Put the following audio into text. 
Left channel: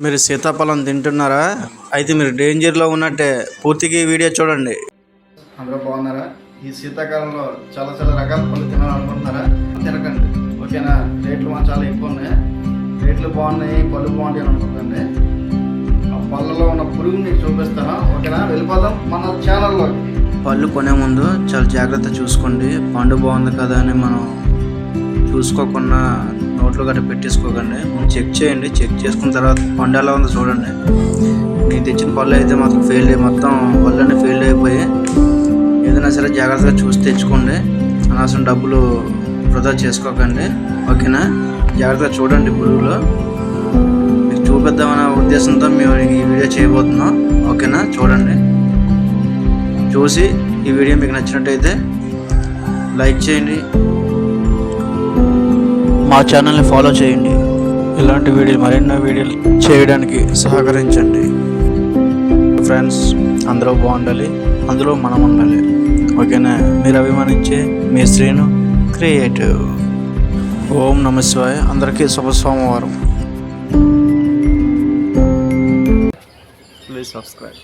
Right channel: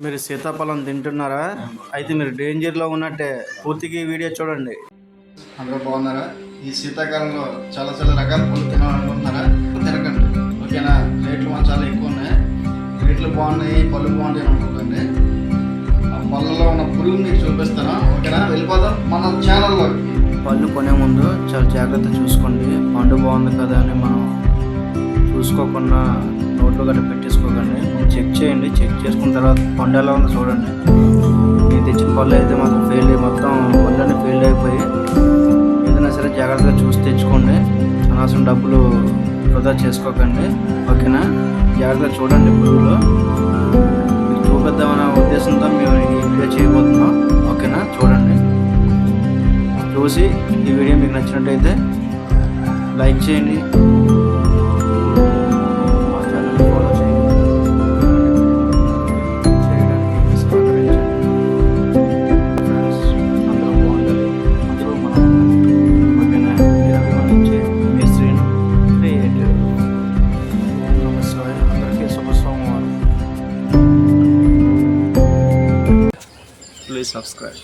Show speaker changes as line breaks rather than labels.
మీరు సీతాఫలం తింటున్నారా? అయితే మీరు డేంజర్లో ఉన్నట్టే పూర్తిగా ఈ వీడియో చూడండి.
అందరూ బాగున్నారా? ఈ శీతాకాలంలో చాలా చాలా రకాల పళ్ళు తినాలనుకుంటున్నారా? తినకండి. ఓకేనా? రేట్లు చాలా ఎక్కువ ఉన్నాయి. రేట్లు బాగున్నాయి పళ్ళు బాగుంటాయి అని అనుకుంటుంది ఆ పళ్ళలో ఉన్న పురుగు మీకు చూపిస్తాను. ఓకేనా? వెళ్ళిపోదాం మన ఛానల్లో
పళ్ళు కొనే ముందు చాలా జాగ్రత్త చూసుకోండి. పండు బాగుంది కదా అని మనం చూసుకోకుండా నోట్లో గట్రా పెట్టేసుకోకండి. ముందు చెక్ చేయండి. చెక్ చేసుకున్న తర్వాత పండు ఎలా ఉందో చూడండి. నేను తెచ్చిన పళ్ళు అయితే మాత్రం ఫెయిల్ అయ్యి మొత్తం పళ్ళన్నీ ఫెయిల్ అయిపోయి ఏదైనా సరే జాగ్రత్తగా చూసి తెచ్చుకోండి. అనవసరం డబ్బులు వృధా చేసుకోకండి. ఓకేనా? జాగ్రత్తగా చూడండి పురుగులు. మీకు చూపిద్దామనే ఉద్దేశంతో మేము ఈ వీడియో చేయబోతున్నాం. ఓకేనా? చూడండి. చూసి ఈ వీడియో మీకు నచ్చినట్టయితే లైక్ చేయండి. మా ఛానల్ని ఫాలో చేయండి. ఇలాంటి వీడియోలు మరెన్నో వీడియోలు చేయడానికి సహకరించండి. ఫ్రెండ్స్ అందరూ బాగుండాలి. అందులో మనం ఉండాలి. ఓకేనా? మీరు అభిమానించే మీ శ్రీను క్రియేటివ్. ఓం నమ శివాయ. అందరికీ శుభ సోమవారం ప్లీజ్ సబ్స్క్రైబ్